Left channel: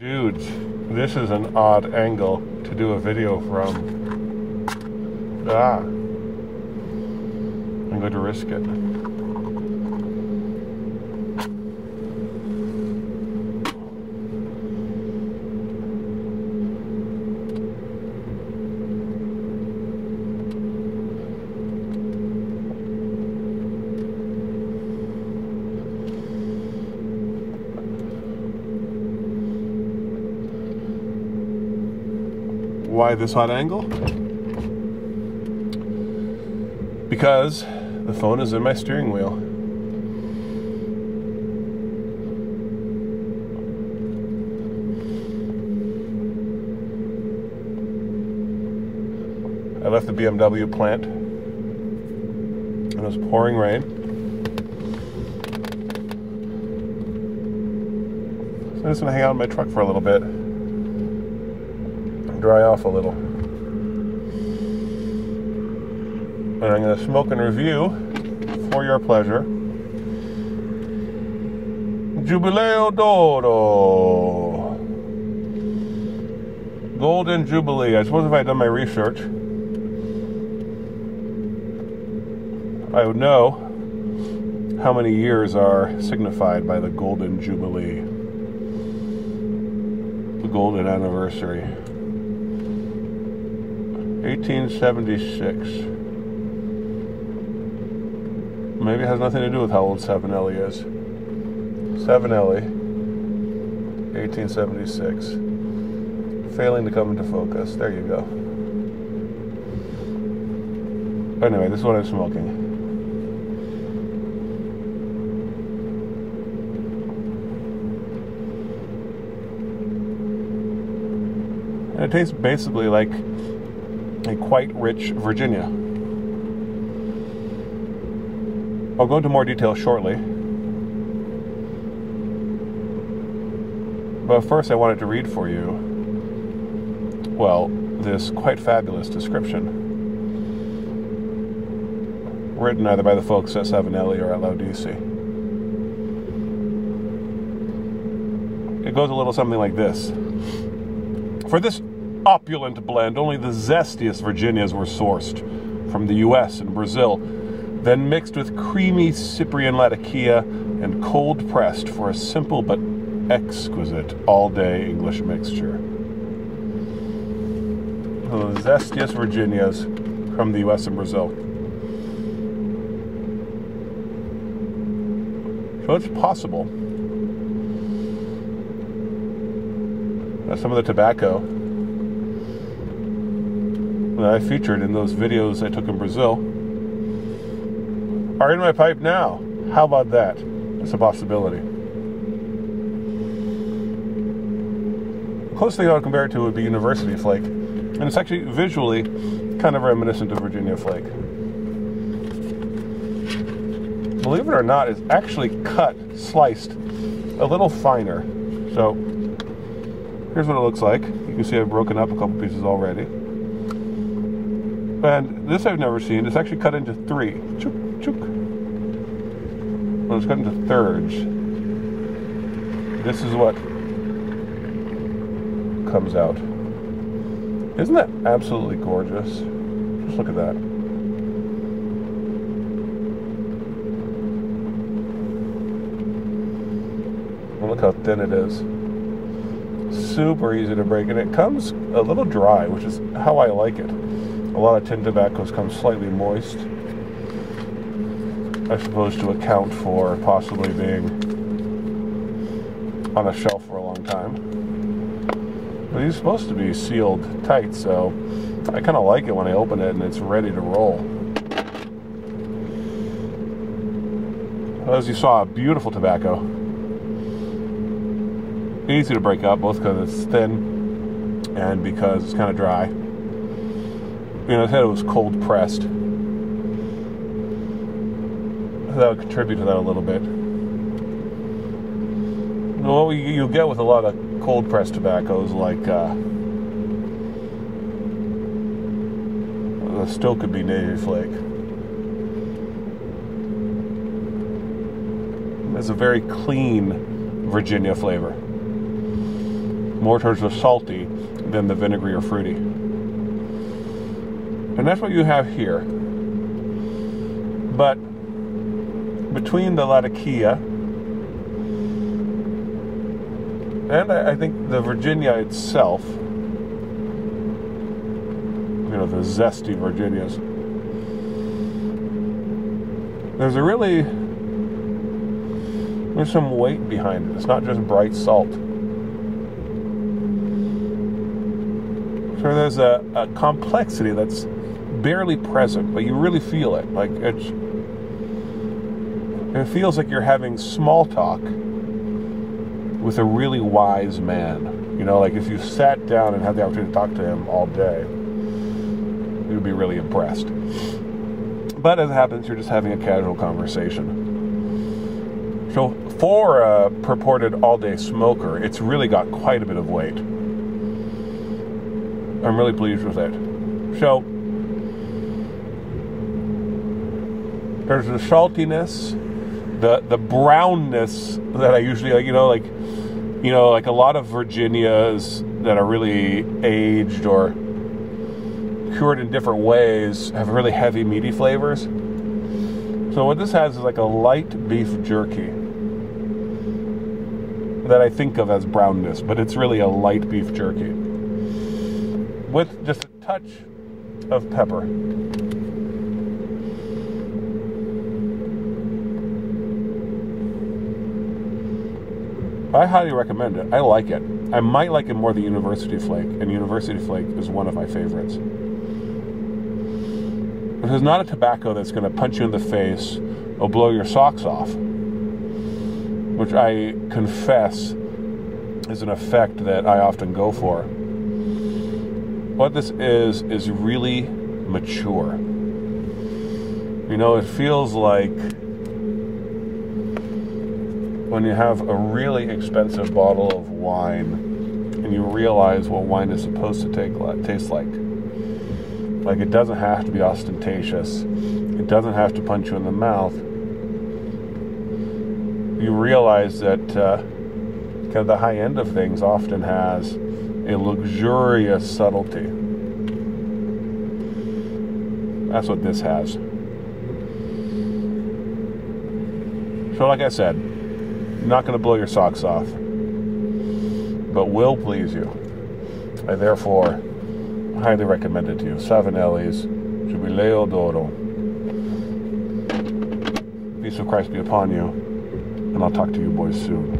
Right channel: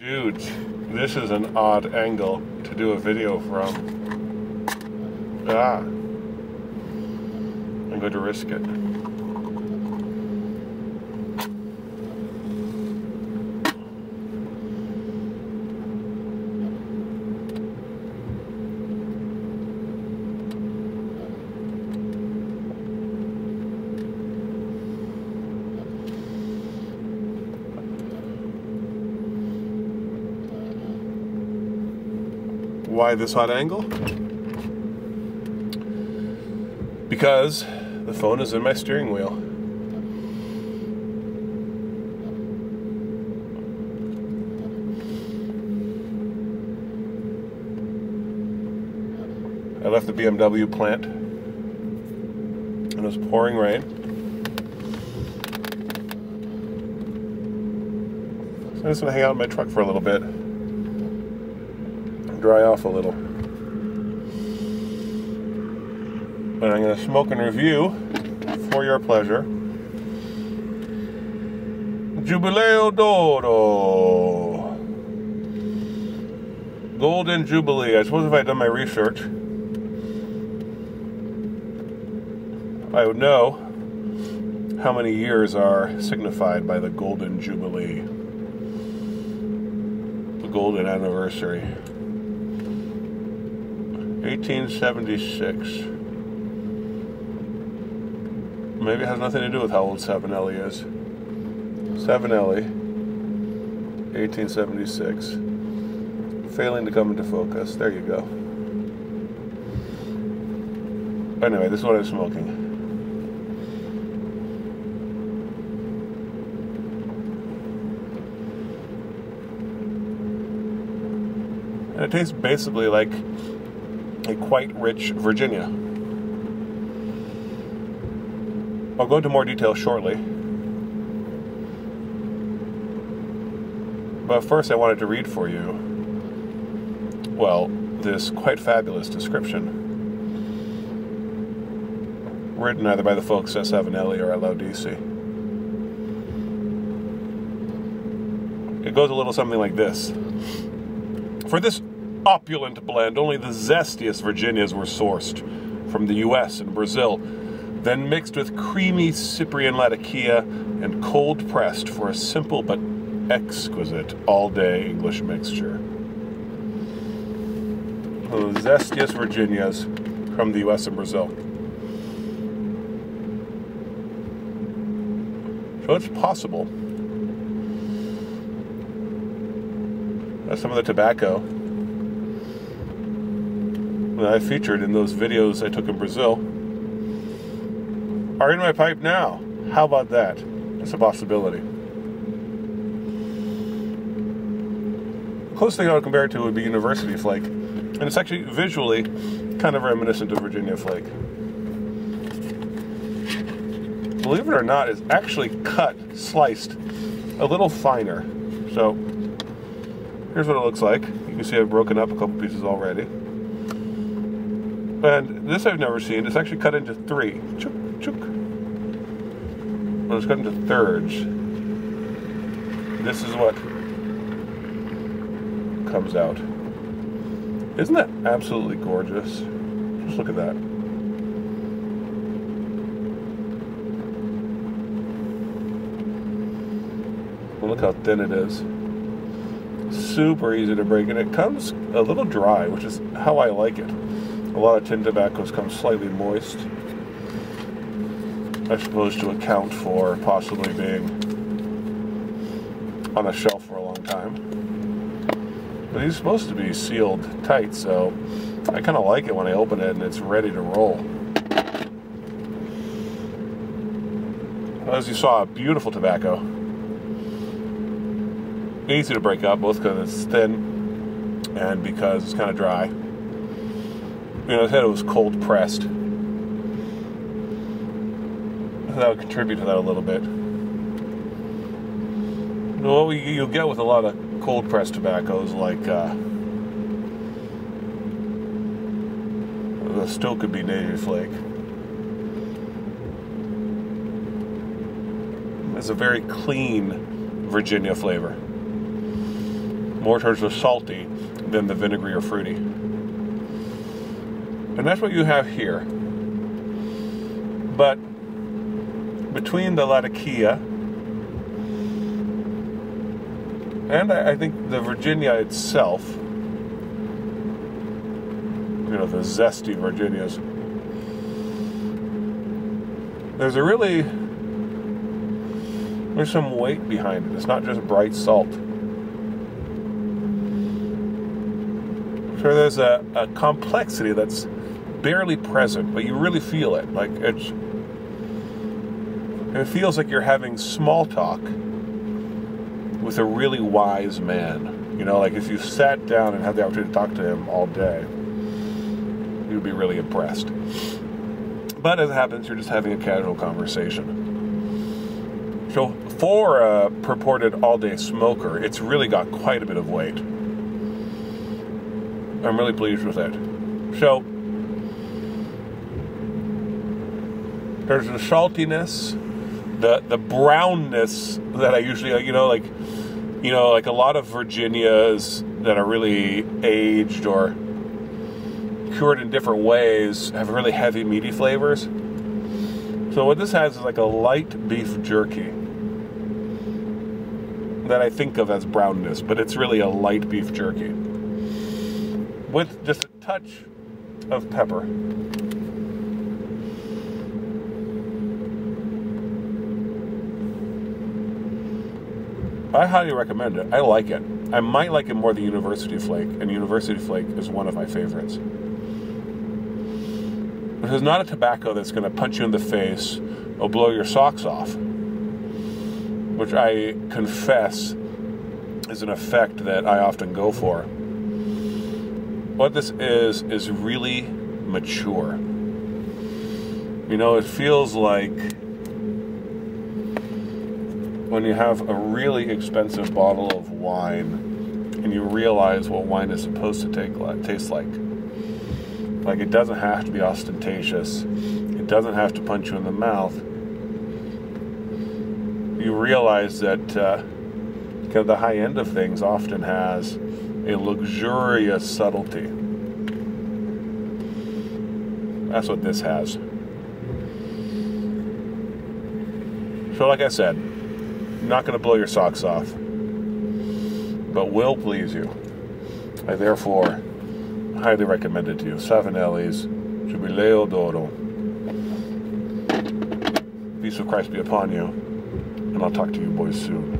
Dudes, this is an odd angle to do a video from. I'm going to risk it. Why this odd angle? Because the phone is in my steering wheel. I left the BMW plant and it was pouring rain. So I'm just gonna hang out in my truck for a little bit. Dry off a little. And I'm going to smoke and review, for your pleasure, Giubileo d'Oro. Golden Jubilee. I suppose if I had done my research, I would know how many years are signified by the Golden Jubilee. The golden anniversary. 1876. Maybe it has nothing to do with how old Savinelli is. Savinelli, 1876. Failing to come into focus. There you go. Anyway, this is what I'm smoking. And it tastes basically like a quite rich Virginia. I'll go into more detail shortly. But first I wanted to read for you, well, this quite fabulous description, written either by the folks at Savinelli or at Laudisi. It goes a little something like this. For this opulent blend, only the zestiest Virginias were sourced from the US and Brazil, then mixed with creamy Cyprian Latakia and cold pressed for a simple but exquisite all-day English mixture. The zestiest Virginias from the US and Brazil. So it's possible that some of the tobacco that I featured in those videos I took in Brazil are in my pipe now. How about that? It's a possibility. The closest thing I would compare it to would be University Flake. And it's actually visually kind of reminiscent of Virginia Flake. Believe it or not, it's actually cut, sliced, a little finer. So, here's what it looks like. You can see I've broken up a couple pieces already. And this I've never seen. It's actually cut into 3. Chook, chook. Well, it's cut into thirds. This is what comes out. Isn't that absolutely gorgeous? Just look at that. Well, look how thin it is. Super easy to break, and it comes a little dry, which is how I like it. A lot of tin tobaccos come slightly moist, I suppose to account for possibly being on a shelf for a long time. But these are supposed to be sealed tight, so I kind of like it when I open it and it's ready to roll. As you saw, beautiful tobacco. Easy to break up, both because it's thin and because it's kind of dry. You know, I said it was cold pressed. That would contribute to that a little bit. What you get with a lot of cold pressed tobaccos, like the still could be Navy Flake. It's a very clean Virginia flavor. more towards the salty than the vinegary or fruity. And that's what you have here. But between the Latakia and I think the Virginia itself, you know, the zesty Virginias, there's some weight behind it. It's not just bright salt. So there's a complexity that's barely present, but you really feel it. Like it feels like you're having small talk with a really wise man. You know, like if you sat down and had the opportunity to talk to him all day, you'd be really impressed. But as it happens, you're just having a casual conversation. So for a purported all-day smoker, it's really got quite a bit of weight. I'm really pleased with it. So there's the saltiness, the brownness that I usually, like a lot of Virginias that are really aged or cured in different ways have really heavy, meaty flavors. So what this has is like a light beef jerky that I think of as brownness, but it's really a light beef jerky with just a touch of pepper. I highly recommend it. I like it. I might like it more than University Flake, and University Flake is one of my favorites. This is not a tobacco that's going to punch you in the face or blow your socks off, which I confess is an effect that I often go for. What this is really mature. You know, it feels like when you have a really expensive bottle of wine and you realize what wine is supposed to taste like. Like, it doesn't have to be ostentatious. It doesn't have to punch you in the mouth. You realize that kind of the high end of things often has a luxurious subtlety. That's what this has. So like I said, not going to blow your socks off, but will please you. I therefore highly recommend it to you. Savinelli's Giubileo d'Oro. Peace of Christ be upon you, and I'll talk to you boys soon.